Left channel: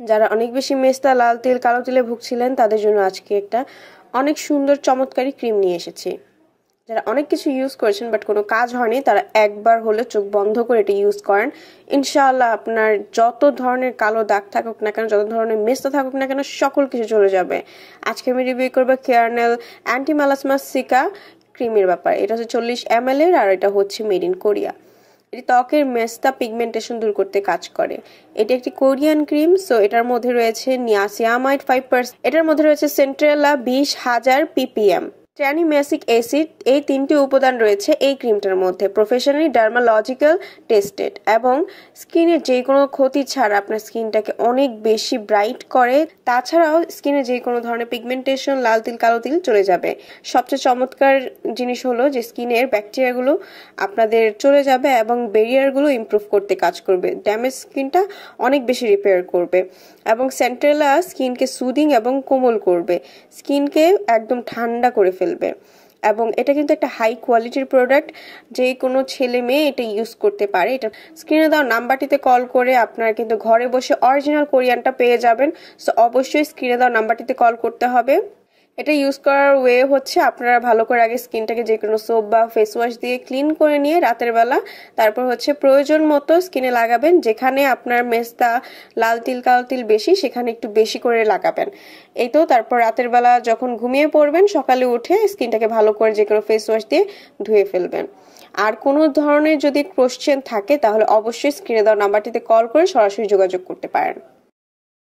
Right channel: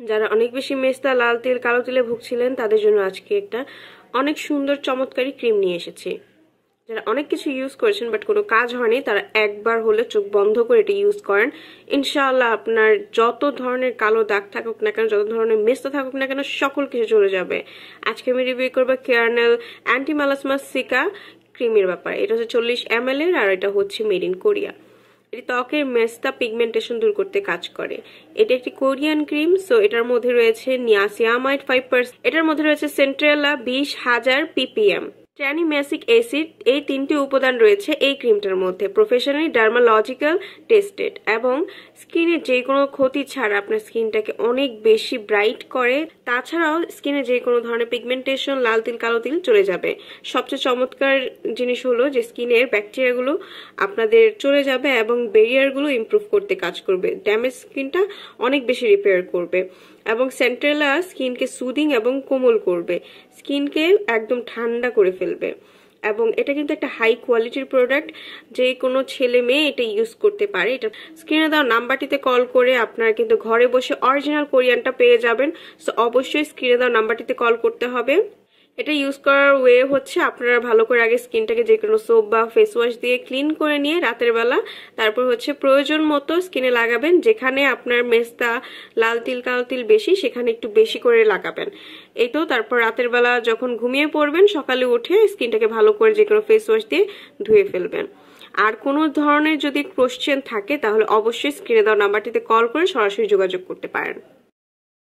যারা অনেক বেশি মেস্তা, লাল তিল, কালো তিলে ভুগছিলেন তাদের জন্য আজকে একটা অনেক সুন্দর চমৎকারী ক্রিম নিয়ে এসেছি। যারা অনেক কিছু ইউজ করেছেন বাট কোনো কাজ হয়নি, তারা একবার হলে চোখ বন্ধ করে এটা ইউজ করেন। ইনশাআল্লাহ আপনার যত ধরনের কালো দাগ থাকুক না কেন, যত ধরনের মেস্তা থাকুক না কেন, সকল কিছু চলে যাবে। আজকে আমি রিভিউ করবো কেয়ারনেল অ্যান্টি মেলাসমা সিকা ক্রিমের ব্যাপার। এটা হচ্ছে 40 ml এর, আর এটা হচ্ছে মেড ইন কোরিয়া। এটি ত্বকের মেস্তা পিগমেন্টেশন দূর করতে কাজ করে। এটি একটি কোরিয়ান ক্রিম। সো এটার মধ্যে রয়েছে নিয়াসিয়ামাইড 5%, এটার মধ্যে রয়েছে সেন্ট্রেলা 20,000 ppm, ট্রানিমেসিক অ্যাসিড, এই 3টি উপাদান রয়েছে এই ক্রিমটার মধ্যে। প্রফেশনালি ডার্মালজিক্যাল টেস্টেড এবং স্কিনের যে কোনো ক্ষতি ছাড়া আপনার স্কিনটাকে অনেক বেশি ব্রাইট করে। তাছাড়াও স্কিনে যে কোনো ধরনের পিগমেন্টেশন, লাল তিল, কালো তিল চলে যাবে। সবচেয়ে চমৎকার জিনিস হলো যে স্কিনের ব্যাকটেরিয়াগুলো আপনাদের চলে যাবে এবং ব্যারিয়ারগুলো ইমপ্রুভ করতে কাজ করবে। ড্যামেজ স্কিনটা অনেক বেশি রিপেয়ার করবে এবং সেন্ট্রেলা স্কিনকে সুদিং এবং কোমল করবে, স্কিনকে একদম ঠান্ডা করে ফেলবে। এবং এটা কিন্তু একটা হাই কোয়ালিটির প্রোডাক্ট, যে কোনো ছেলে মেয়ে এটা ইউজ করতে পারে। এটা স্ক্রিনে দেওয়া নাম্বারটিতে কল করে আপনারা কিন্তু ঘরে বসে অরিজিনাল কোরিয়ানটা পেয়ে যাবেন। সো অবশ্যই স্ক্রিনে দেওয়া নাম্বারটিতে কল করতে হবে। এটা ইউজ করার ওয়ে হচ্ছে আপনারা ভালো করে আগে স্কিনটাকে যে কোনো সোপ বা ফেস ওয়াশ দিয়ে ক্লিন করে নিয়ে রাতের বেলা তারপর হচ্ছে প্রয়োজন মতো স্কিনে লাগাবেন। যেখানে আপনার মেস্তা, লাল তিল, কালো তিল বেশি, সেখানে একটু বেশি করে লাগাবেন। এই তো তারপর রাতের বেলা যখন ঘুমিয়ে পড়বেন, সকালে উঠে স্কিনটাকে ভালো করে যে কোনো ফেস ওয়াশ দিয়ে ধুয়ে ফেলবেন। আর কোনো ধরনের যদি কোশ্চেন থাকে তাহলে অবশ্যই স্ক্রিনে দেওয়া নাম্বারটিতে কল করে সরাসরি যোগাযোগ করতে পারেন।